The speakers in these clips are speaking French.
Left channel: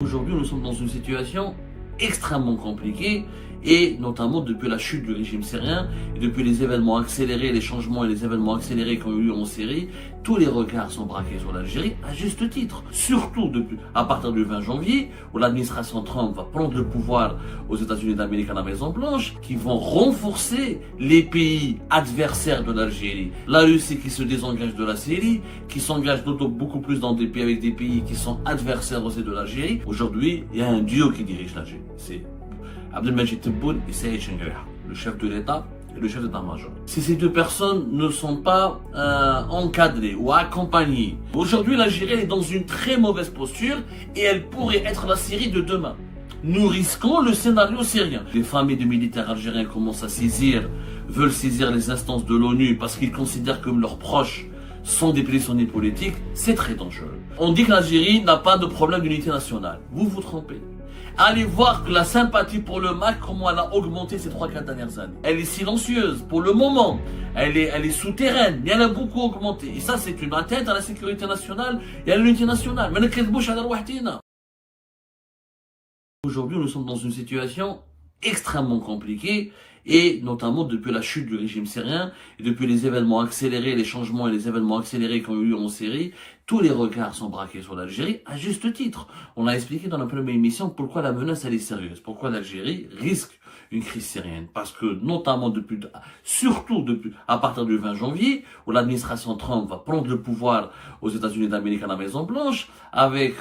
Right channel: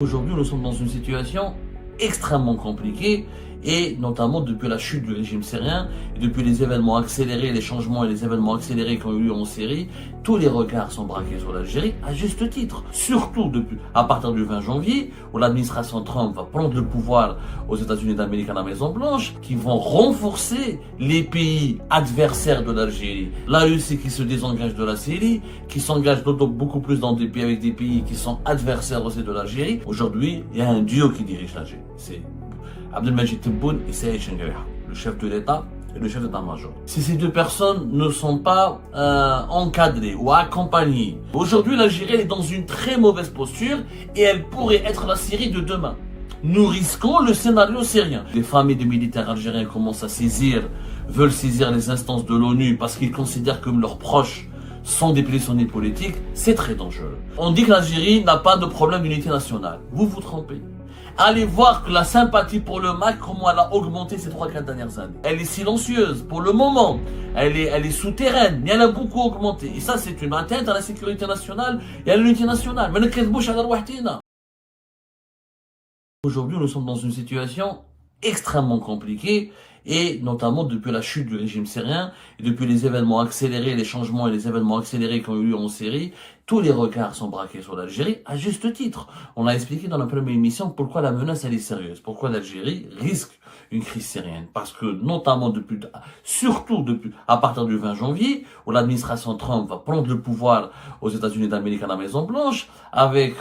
Aujourd'hui, nous sommes dans une situation extrêmement compliquée et notamment depuis la chute du régime syrien et depuis les événements accélérés, les changements et les événements accélérés qui ont eu lieu en Syrie, tous les regards sont braqués sur l'Algérie à juste titre. Surtout depuis, à partir du 20 janvier où l'administration Trump va prendre le pouvoir aux États-Unis d'Amérique à la Maison Blanche, qui vont renforcer les pays adversaires de l'Algérie. La Russie qui se désengage de la Syrie, qui s'engage beaucoup plus dans des pays avec des pays qui sont adversaires aussi de l'Algérie. Aujourd'hui, il y a un duo qui dirige l'Algérie. C'est Abdelmadjid Tebboune et Saïd Chengerha, le chef de l'État et le chef d'état-major. Si ces deux personnes ne sont pas encadrées ou accompagnées, aujourd'hui l'Algérie est dans une très mauvaise posture et elle pourrait être la Syrie de demain. Nous risquons le scénario syrien. Les familles de militaires algériens commencent à veulent saisir les instances de l'ONU parce qu'ils considèrent que leurs proches sont des prisonniers politiques. C'est très dangereux. On dit que l'Algérie n'a pas de problème d'unité nationale. Vous vous trompez. Allez voir que la sympathie pour le MAC, comment elle a augmenté ces 3-4 dernières années. Elle est silencieuse pour le moment. Elle est souterraine, mais elle a beaucoup augmenté. Et ça, c'est une atteinte à la sécurité nationale et à l'unité nationale. Aujourd'hui, nous sommes dans une situation extrêmement compliquée et notamment depuis la chute du régime syrien et depuis les événements accélérés, les changements et les événements accélérés qui ont eu lieu en Syrie, tous les regards sont braqués sur l'Algérie à juste titre. On a expliqué dans la première émission pourquoi la menace elle est sérieuse, pourquoi l'Algérie risque une crise syrienne. Parce que notamment surtout à partir du 20 janvier, où l'administration Trump va prendre le pouvoir aux États-Unis d'Amérique à la Maison Blanche, avec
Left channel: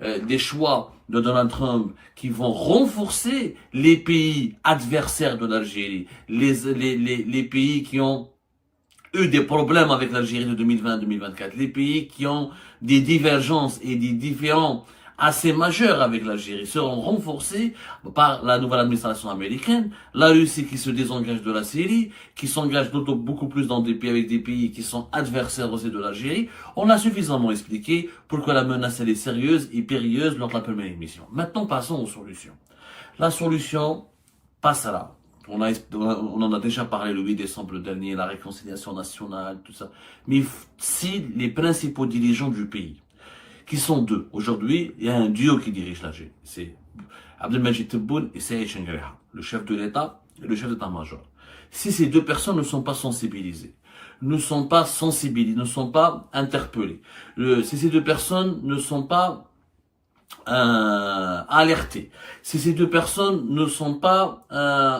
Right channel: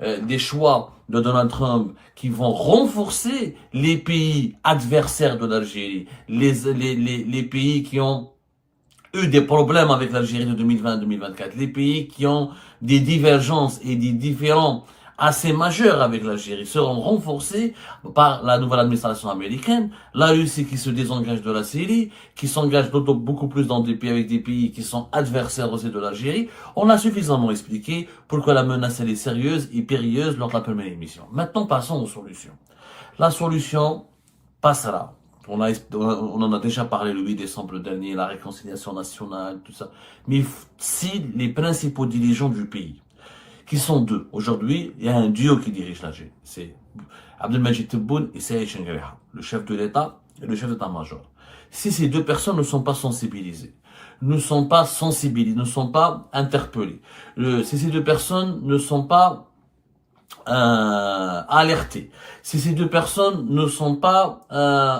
des choix de Donald Trump qui vont renforcer les pays adversaires de l'Algérie, les pays qui ont eu des problèmes avec l'Algérie de 2020-2024, les pays qui ont des divergences et des différends assez majeurs avec l'Algérie seront renforcés par la nouvelle administration américaine. La Russie qui se désengage de la Syrie, qui s'engage beaucoup plus dans des pays avec des pays qui sont adversaires aussi de l'Algérie. On a suffisamment expliqué pourquoi la menace elle est sérieuse et périlleuse lors de la première émission. Maintenant, passons aux solutions. La solution passera. On en a déjà parlé le 8 décembre dernier, la réconciliation nationale, tout ça. Mais si les principaux dirigeants du pays, qui sont deux, aujourd'hui, il y a un duo qui dirige l'Algérie. C'est Abdelmadjid Tebboune et Saïd Chengerha, le chef de l'État et le chef d'état-major. Si ces deux personnes ne sont pas sensibilisées, ne sont pas interpellées, si ces deux personnes ne sont pas alertées, si ces deux personnes ne sont pas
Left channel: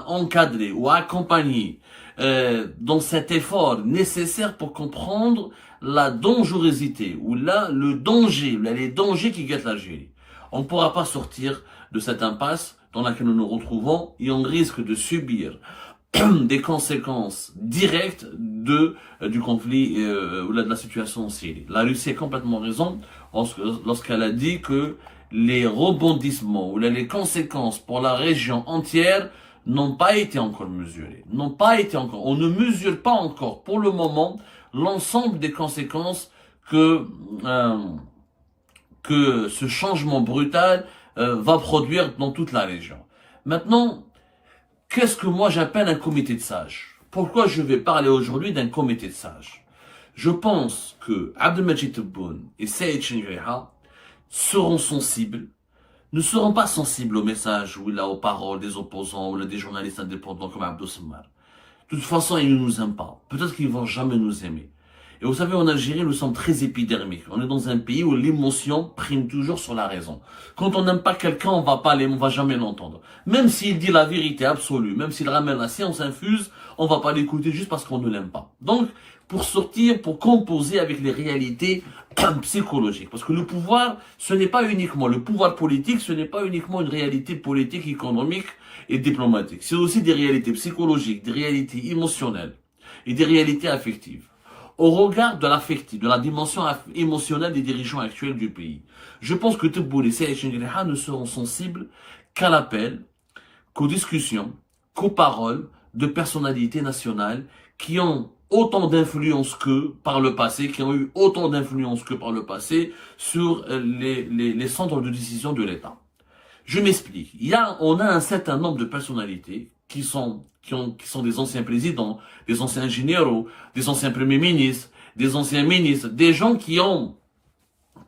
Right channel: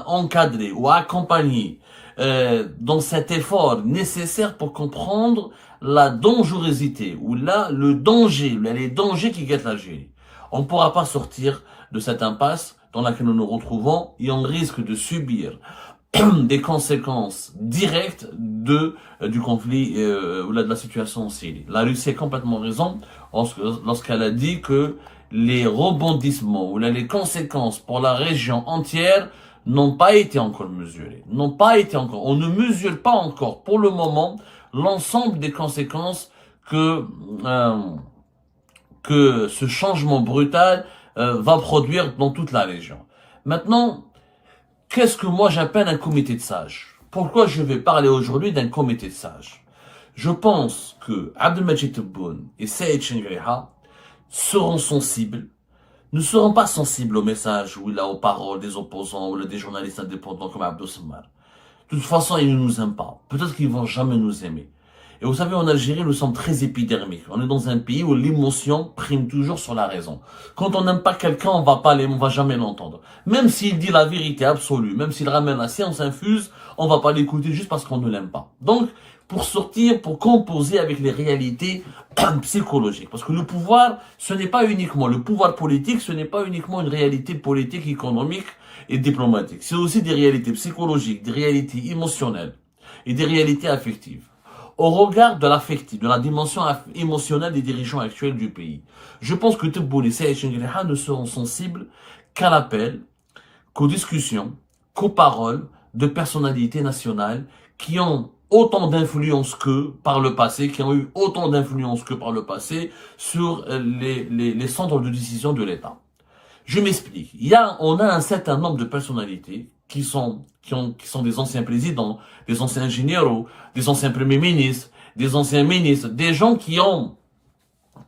encadrées ou accompagnées dans cet effort nécessaire pour comprendre la dangerosité ou les dangers qui guettent l'Algérie, on ne pourra pas sortir de cette impasse dans laquelle nous nous retrouvons et on risque de subir des conséquences directes du conflit ou de la situation en Syrie. La Russie a complètement raison lorsqu'elle a dit que les rebondissements ou les conséquences pour la région entière n'ont pas été encore mesurées. On ne mesure pas encore pour le moment l'ensemble des conséquences que ce changement brutal va produire dans toute la région. Maintenant, qu'est-ce que moi j'appelle un comité de sages? Pourquoi je vais parler aujourd'hui d'un comité de sages? Je pense que Abdelmadjid Tebboune et Saïd Chengerha seront sensibles, ne seront pas sensibles aux messages ou aux paroles des opposants ou des journalistes indépendants comme Abdou Sammar. De toute façon, ils ne nous aiment pas. Peut-être qu'ils ne vont jamais nous aimer. Et vous savez, en Algérie, nous sommes très épidermiques. On est dans un pays où l'émotion prime toujours sur la raison. Quand on n'aime pas quelqu'un, on va jamais l'entendre. Même s'il dit la vérité absolue, même s'il ramène la science infuse, on va pas l'écouter juste parce qu'on ne l'aime pas. Donc, pour composer avec les réalités psychologiques. Parce que le pouvoir, le pouvoir politique, ce n'est pas uniquement une réalité politique, économique et diplomatique. C'est aussi des réalités psychologiques, des réalités émotionnelles et des réalités affectives. Au regard de l'affectif, de la dimension émotionnelle des dirigeants actuels du pays, je pense que Tebboune et Saïd Chengerha ne seront sensibles qu'à l'appel, qu'aux discussions, qu'aux paroles de personnalités nationales qui ont autant d'influence qu'eux par le passé, sur les centres de décision de l'État. Je m'explique. On a un certain nombre de personnalités qui sont des anciens présidents, des anciens généraux, des anciens premiers ministres, des anciens ministres, des gens qui ont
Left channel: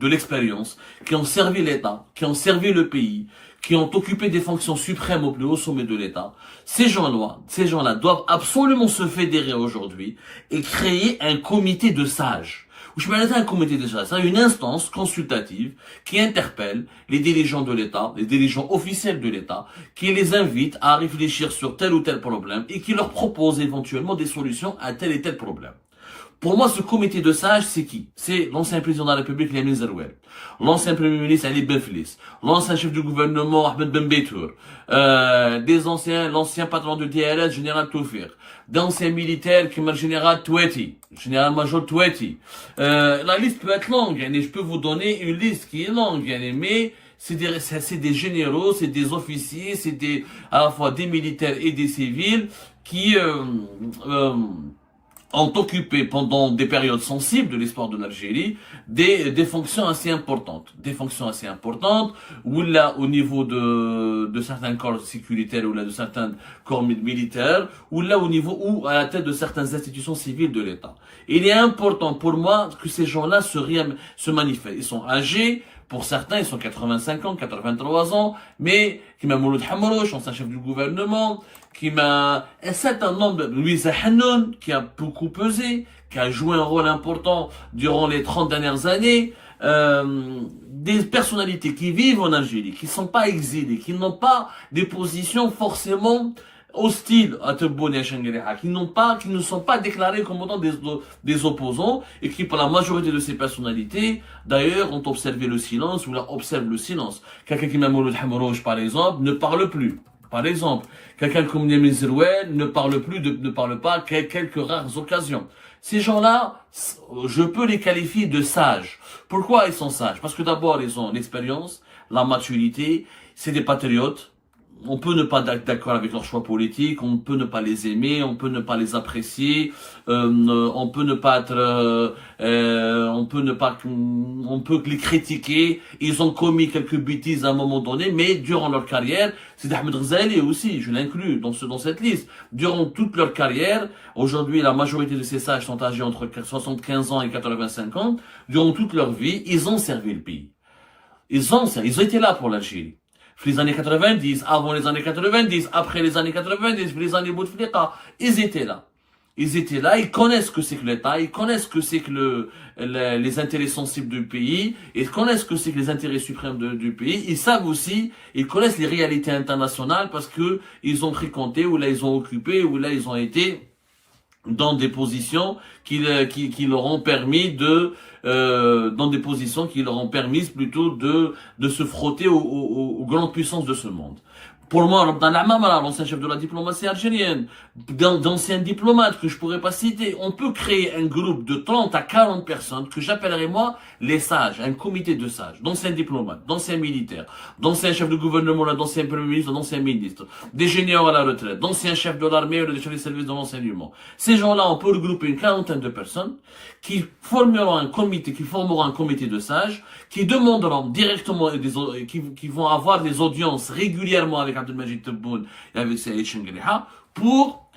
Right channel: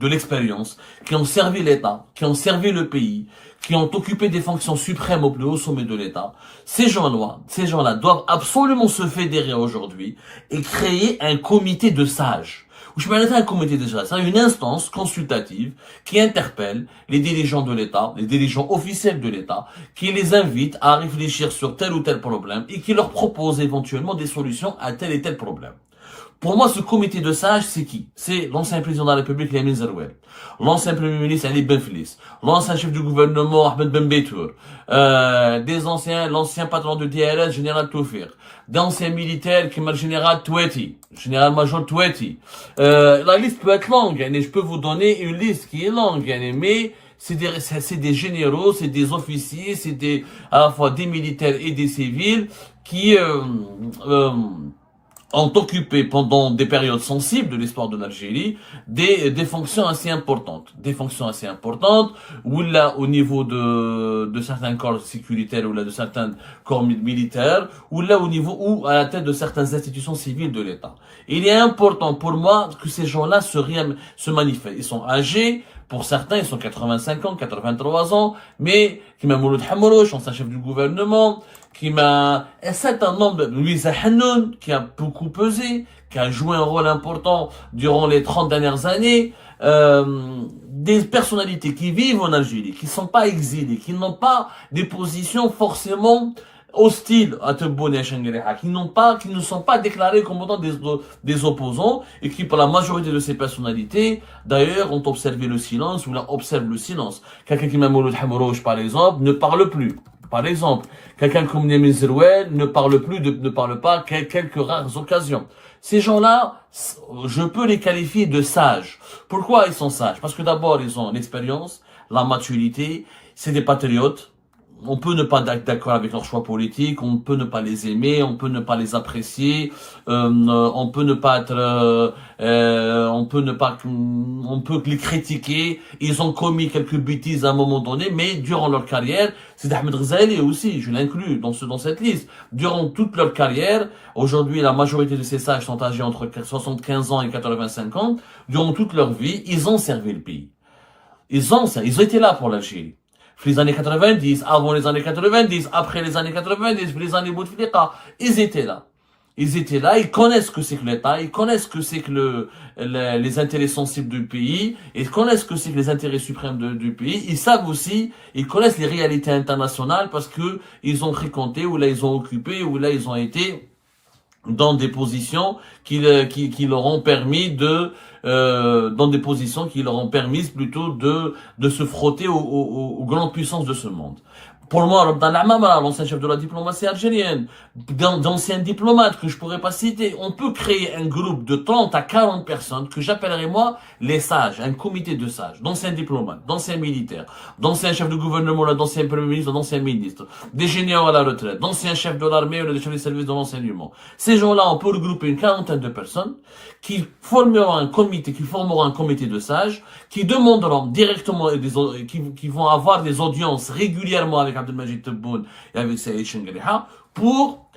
de l'expérience, qui ont servi l'État, qui ont servi le pays, qui ont occupé des fonctions suprêmes au plus haut sommet de l'État, ces gens-là doivent absolument se fédérer aujourd'hui et créer un comité de sages. Je vais un comité de sages, c'est une instance consultative qui interpelle les dirigeants de l'État, les dirigeants officiels de l'État, qui les invite à réfléchir sur tel ou tel problème et qui leur propose éventuellement des solutions à tel et tel problème. Pour moi, ce comité de sages, c'est qui? C'est l'ancien président de la République, Lamine Zerouel, l'ancien premier ministre, Ali Benflis, l'ancien chef du gouvernement, Ahmed Ben Beitour, l'ancien patron de DRS, général Toufir, d'anciens militaires, comme le général Toueti, général-major Toueti. La liste peut être longue, et je peux vous donner une liste qui est longue, mais c'est des généraux, c'est des officiers, c'est à la fois des militaires et des civils qui, ont occupé pendant des périodes sensibles de l'histoire de l'Algérie des fonctions assez importantes. Des fonctions assez importantes, ou là, au niveau de certains corps sécuritaires, ou là, de certains corps militaires, ou là, au niveau, ou à la tête de certaines institutions civiles de l'État. Il est important pour moi que ces gens-là se manifestent. Ils sont âgés, pour certains, ils sont 85 ans, 83 ans, mais qui m'a Mouloud Hamrouch, ancien chef du gouvernement, qui m'a un certain nombre de Louisa Hannoun, qui a beaucoup pesé, qui a joué un rôle important durant les 30 dernières années, des personnalités qui vivent en Algérie, qui ne sont pas exilées, qui n'ont pas des positions forcément hostiles à Tebboune et à Chengueleha, qui ne sont pas déclarés comme étant des opposants, et qui, pour la majorité de ces personnalités, d'ailleurs, ont observé le silence, ou là, observent le silence. Quelqu'un qui m'a Mouloud Hamrouch, par exemple, ne parle plus. Par exemple, quelqu'un comme Lamine Zerouel ne parle pas qu'à quelques rares occasions. Ces gens-là, je peux les qualifier de sages. Pourquoi ils sont sages? Parce que d'abord, ils ont l'expérience, la maturité, c'est des patriotes. On peut ne pas être d'accord avec leurs choix politiques, on peut ne pas les aimer, on peut ne pas les apprécier, on peut ne pas être, on peut les critiquer. Ils ont commis quelques bêtises à un moment donné, mais durant leur carrière, c'est Ahmed Ghazali aussi, je l'inclus dans cette liste. Durant toute leur carrière, aujourd'hui la majorité de ces sages sont âgés entre 75 ans et 85 ans. Durant toute leur vie, ils ont servi le pays. Ils étaient là pour l'Algérie. Les années 90, avant les années 90, après les années 90, les années Bouteflika, ils étaient là. Ils connaissent ce que c'est que l'État, ils connaissent ce que c'est que les intérêts sensibles du pays, ils connaissent ce que c'est que les intérêts suprêmes du pays, ils savent aussi, ils connaissent les réalités internationales parce que ils ont fréquenté, ou là ils ont occupé, ou là ils ont été dans des positions qui leur ont permis plutôt de se frotter aux grandes puissances de ce monde. Pour moi, Rabdan Amamara, l'ancien chef de la diplomatie algérienne, d'anciens diplomates que je pourrais pas citer, on peut créer un groupe de 30 à 40 personnes que j'appellerais moi les sages, un comité de sages, d'anciens diplomates, d'anciens militaires, d'anciens chefs de gouvernement, d'anciens premiers ministres, d'anciens ministres, des généraux à la retraite, d'anciens chefs de l'armée ou des chefs de service de l'enseignement. Ces gens-là, on peut regrouper une quarantaine de personnes qui formeront un comité de sages, qui demanderont directement, qui vont avoir des audiences régulièrement avec Abdelmajid Tebboune et avec Saïd Chengueleha pour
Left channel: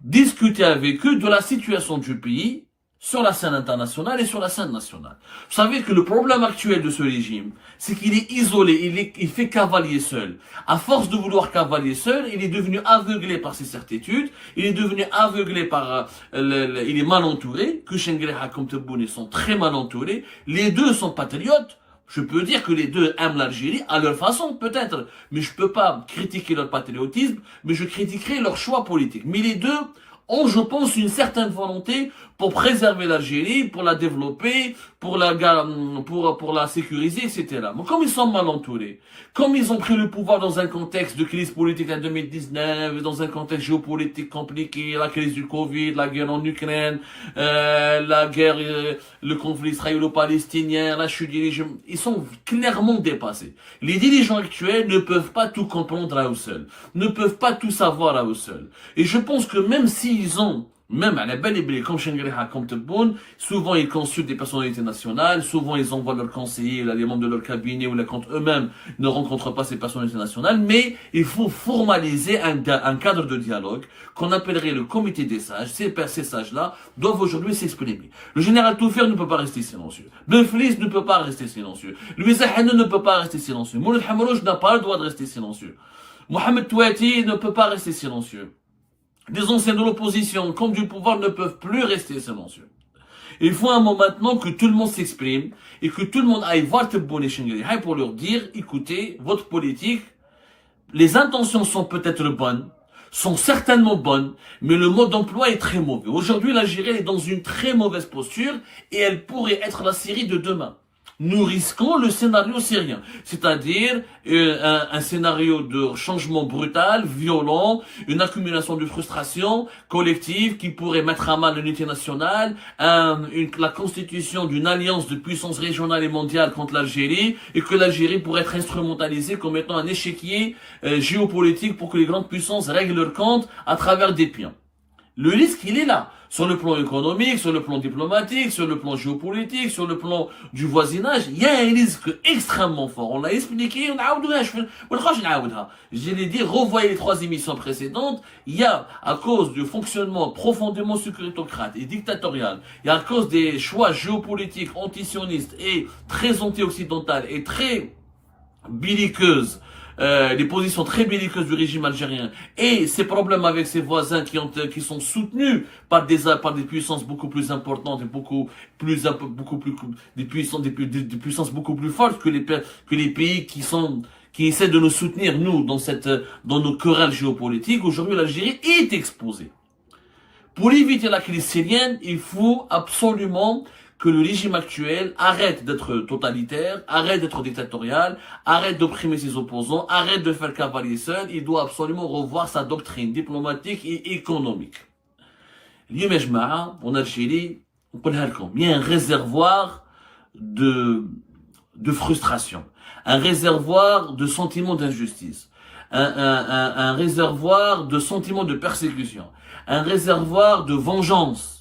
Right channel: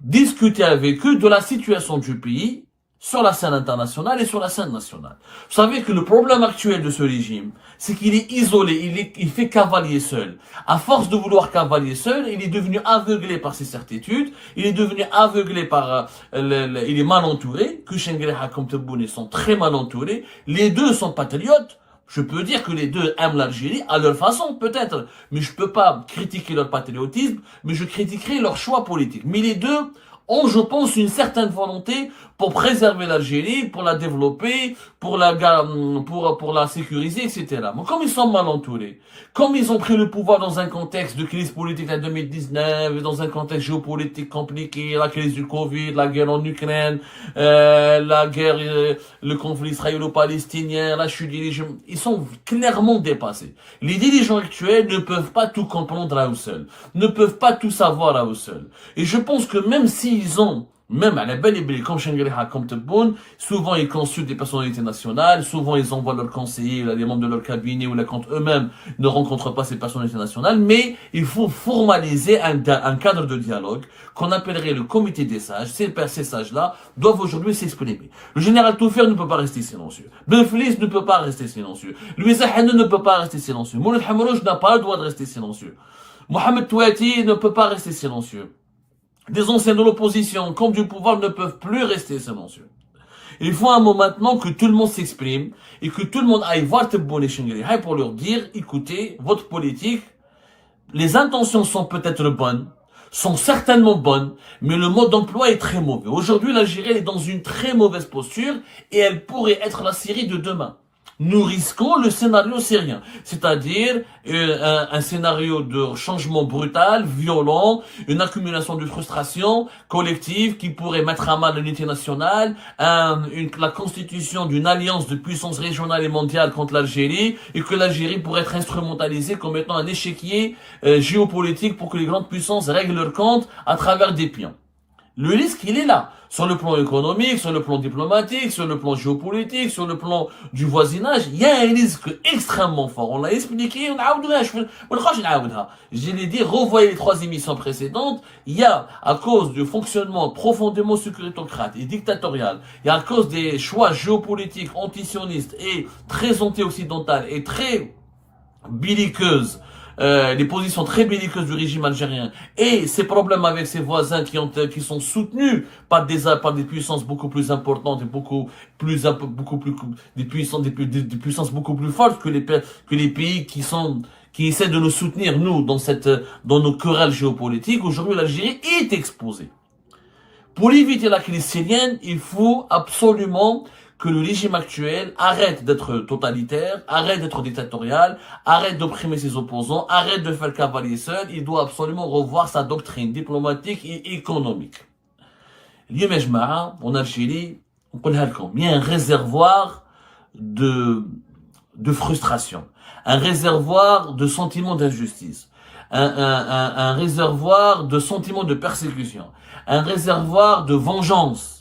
discuter avec eux de la situation du pays sur la scène internationale et sur la scène nationale. Vous savez que le problème actuel de ce régime, c'est qu'il est isolé, il fait cavalier seul. À force de vouloir cavalier seul, il est devenu aveuglé par ses certitudes, il est devenu aveuglé par, il est mal entouré, que Chengueleha comme Tebboune sont très mal entourés, les deux sont patriotes. Je peux dire que les deux aiment l'Algérie à leur façon, peut-être, mais je peux pas critiquer leur patriotisme, mais je critiquerai leur choix politique. Mais les deux ont, je pense, une certaine volonté pour préserver l'Algérie, pour la développer, pour la sécuriser, etc. Mais comme ils sont mal entourés, comme ils ont pris le pouvoir dans un contexte de crise politique en 2019, dans un contexte géopolitique compliqué, la crise du Covid, la guerre en Ukraine, le conflit israélo-palestinien, la chute du régime, ils sont clairement dépassés. Les dirigeants actuels ne peuvent pas tout comprendre à eux seuls, ne peuvent pas tout savoir à eux seuls. Et je pense que même s'ils ont Même à la belle et belle, comme Shangri-La, comme Tebboune, souvent ils consultent des personnalités nationales, souvent ils envoient leurs conseillers, les membres de leur cabinet, ou là quand eux-mêmes ne rencontrent pas ces personnalités nationales, mais il faut formaliser un cadre de dialogue qu'on appellerait le comité des sages. Ces sages-là doivent aujourd'hui s'exprimer. Le général Toufer ne peut pas rester silencieux. Ben Flis ne peut pas rester silencieux. Louis Hanou ne peut pas rester silencieux. Mouloud Hamrouj n'a pas le droit de rester silencieux. Mohamed Touati ne peut pas rester silencieux. Des anciens de l'opposition comme du pouvoir ne peuvent plus rester silencieux. Il faut un moment maintenant que tout le monde s'exprime et que tout le monde aille voir Tebboune et Shangri-La pour leur dire, écoutez, votre politique, les intentions sont peut-être bonnes, sont certainement bonnes, mais le mode d'emploi est très mauvais. Aujourd'hui, l'Algérie est dans une très mauvaise posture et elle pourrait être la Syrie de demain. Nous risquons le scénario syrien, c'est-à-dire un scénario de changement brutal, violent, une accumulation de frustration collective qui pourrait mettre à mal l'unité nationale, la constitution d'une alliance de puissances régionales et mondiales contre l'Algérie, et que l'Algérie pourrait être instrumentalisée comme étant un échiquier géopolitique pour que les grandes puissances règlent leur compte à travers des pions. Le risque, il est là. Sur le plan économique, sur le plan diplomatique, sur le plan géopolitique, sur le plan du voisinage, il y a un risque extrêmement fort. On l'a expliqué, je l'ai dit, revoyez les 3 émissions précédentes. Il y a, à cause du fonctionnement profondément succrétocrate et dictatorial, il y a à cause des choix géopolitiques antisionistes et très anti-occidentales et très belliqueuses, les positions très belliqueuses du régime algérien et ses problèmes avec ses voisins qui sont soutenus par des puissances beaucoup plus importantes et des puissances beaucoup plus fortes que les pays qui essaient de nous soutenir, nous, dans nos querelles géopolitiques. Aujourd'hui, l'Algérie est exposée. Pour éviter la crise syrienne, il faut absolument que le régime actuel arrête d'être totalitaire, arrête d'être dictatorial, arrête d'opprimer ses opposants, arrête de faire cavalier seul. Il doit absolument revoir sa doctrine diplomatique et économique. اليوم يا جماعة en Algérie, نقولها لكم, il y a un réservoir de frustration, un réservoir de sentiments d'injustice, un réservoir de sentiments de persécution, un réservoir de vengeance.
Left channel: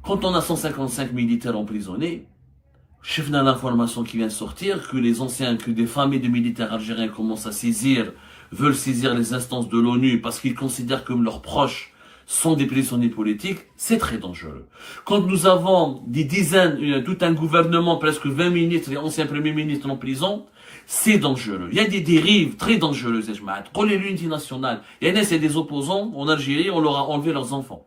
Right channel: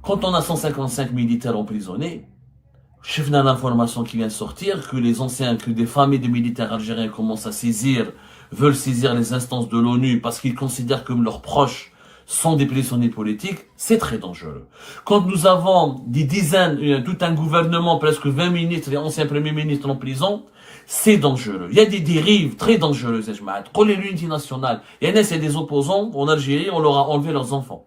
Quand on a 155 militaires emprisonnés, chef dans l'information qui vient de sortir, que des familles de militaires algériens veulent saisir les instances de l'ONU parce qu'ils considèrent comme leurs proches sont des prisonniers politiques, c'est très dangereux. Quand nous avons des dizaines, tout un gouvernement, presque 20 ministres et anciens premiers ministres en prison, c'est dangereux. Il y a des dérives très dangereuses, l'unité nationale. Il y a des opposants en Algérie, on leur a enlevé leurs enfants.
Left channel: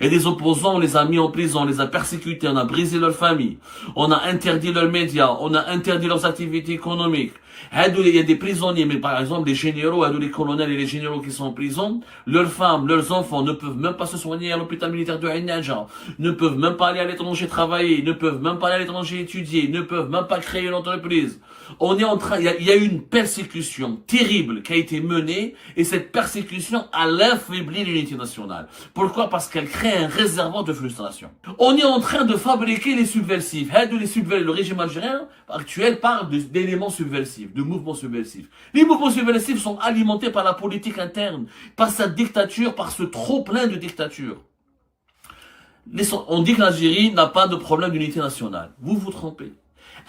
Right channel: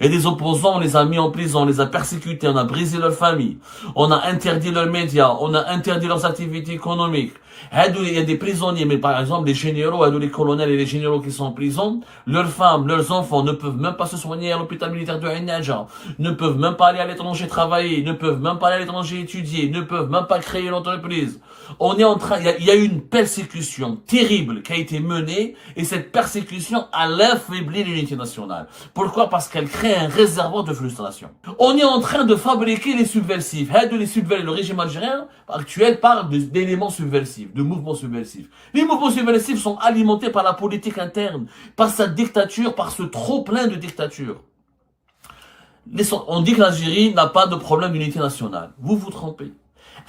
Il y a des opposants, on les a mis en prison, on les a persécutés, on a brisé leur famille, on a interdit leurs médias, on a interdit leurs activités économiques. Il y a des prisonniers, mais par exemple les généraux, les colonels et les généraux qui sont en prison, leurs femmes, leurs enfants ne peuvent même pas se soigner à l'hôpital militaire de Ain Nadja, ne peuvent même pas aller à l'étranger travailler, ne peuvent même pas aller à l'étranger étudier, ne peuvent même pas créer une entreprise. Il y a eu une persécution terrible qui a été menée et cette persécution a affaibli l'unité nationale. Pourquoi? Parce qu'elle crée un réservoir de frustration. On est en train de fabriquer les subversifs. Le régime algérien actuel parle d'éléments subversifs, de mouvements subversifs. Les mouvements subversifs sont alimentés par la politique interne, par sa dictature, par ce trop plein de dictature. On dit que l'Algérie n'a pas de problème d'unité nationale. Vous vous trompez.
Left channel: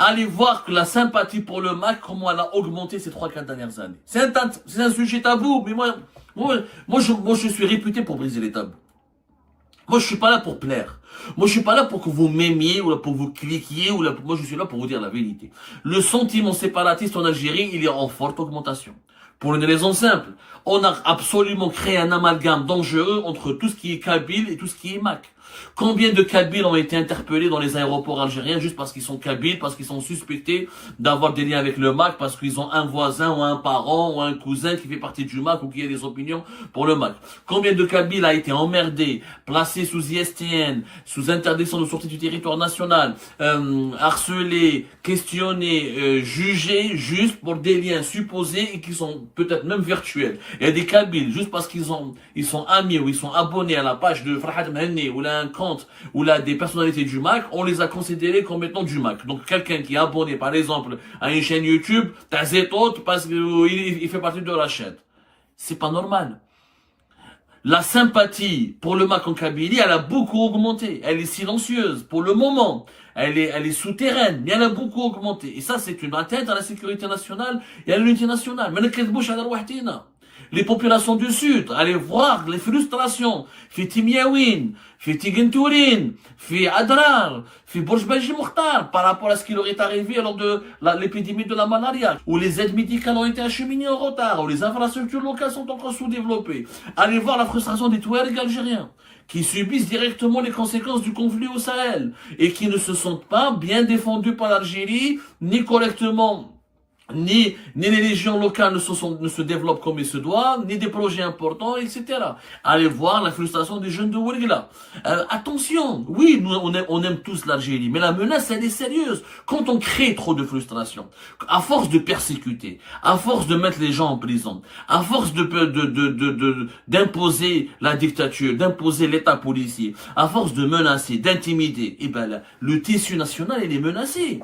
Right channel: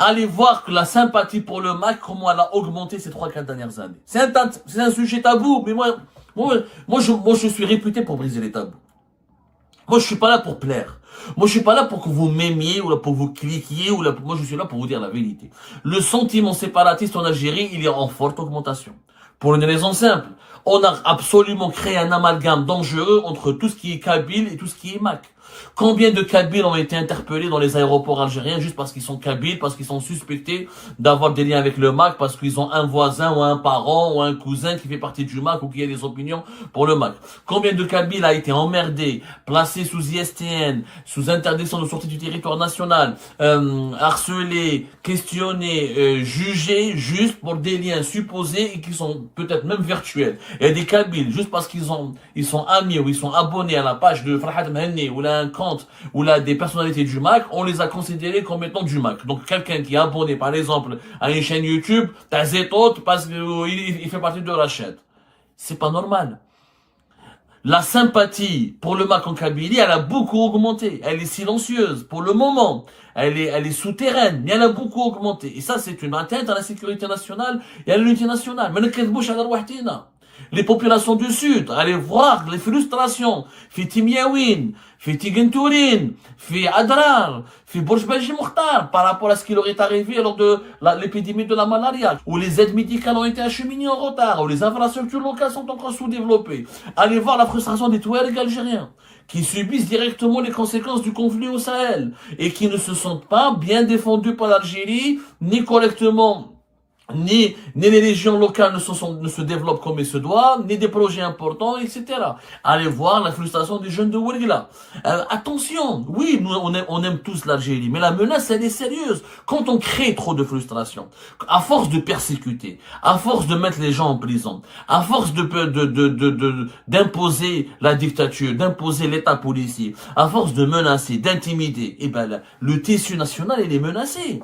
Allez voir que la sympathie pour le MAC, comment elle a augmenté ces 3-4 dernières années. C'est un sujet tabou, mais moi, je suis réputé pour briser les tabous. Moi, je suis pas là pour plaire. Moi, je suis pas là pour que vous m'aimiez, ou là pour vous cliquiez, moi, je suis là pour vous dire la vérité. Le sentiment séparatiste en Algérie, il est en forte augmentation. Pour une raison simple. On a absolument créé un amalgame dangereux entre tout ce qui est Kabyle et tout ce qui est MAC. Combien de Kabyles ont été interpellés dans les aéroports algériens juste parce qu'ils sont Kabyles, parce qu'ils sont suspectés d'avoir des liens avec le MAC, parce qu'ils ont un voisin ou un parent ou un cousin qui fait partie du MAC ou qui a des opinions pour le MAC. Combien de Kabyles a été emmerdé, placé sous ISTN, sous interdiction de sortie du territoire national, harcelé, questionné, jugé juste pour des liens supposés et qui sont peut-être même virtuels. Il y a des Kabyles juste parce qu'ils sont amis ou ils sont abonnés à la page de Farhat Mhenni ou là un compte ou là des personnalités du MAC, on les a considérés comme étant du MAC. Donc quelqu'un qui est abonné par exemple à une chaîne YouTube, t'as Zetot parce qu'il fait partie de la chaîne. C'est pas normal. la sympathie pour le MAC en Kabylie, elle a beaucoup augmenté. Elle est silencieuse pour le moment. Elle est souterraine, mais elle a beaucoup augmenté. Et ça, c'est une atteinte à la sécurité nationale et à l'unité nationale. Mais les populations du Sud, allez voir les frustrations. في تيمياوين, في تيغنتورين, في Adrar, في Bourj Belgi Mokhtar, par rapport à ce qui leur est arrivé lors de l'épidémie de la malaria, où les aides médicales ont été acheminées en retard, où les infrastructures locales sont encore sous-développées. Allez voir la frustration des Touaregs algériens, qui subissent directement les conséquences du conflit au Sahel, et qui ne se sentent pas bien défendus par l'Algérie, ni correctement ni les régions locales ne se développent comme il se doit, ni des projets importants, etc. Allez voir la frustration des jeunes de Ouargla. Attention, oui, nous on aime tous l'Algérie, mais la menace elle est sérieuse. Quand on crée trop de frustration, à force de persécuter, à force de mettre les gens en prison, à force d'imposer la dictature, d'imposer l'État policier, à force de menacer, d'intimider, eh ben le tissu national il est menacé.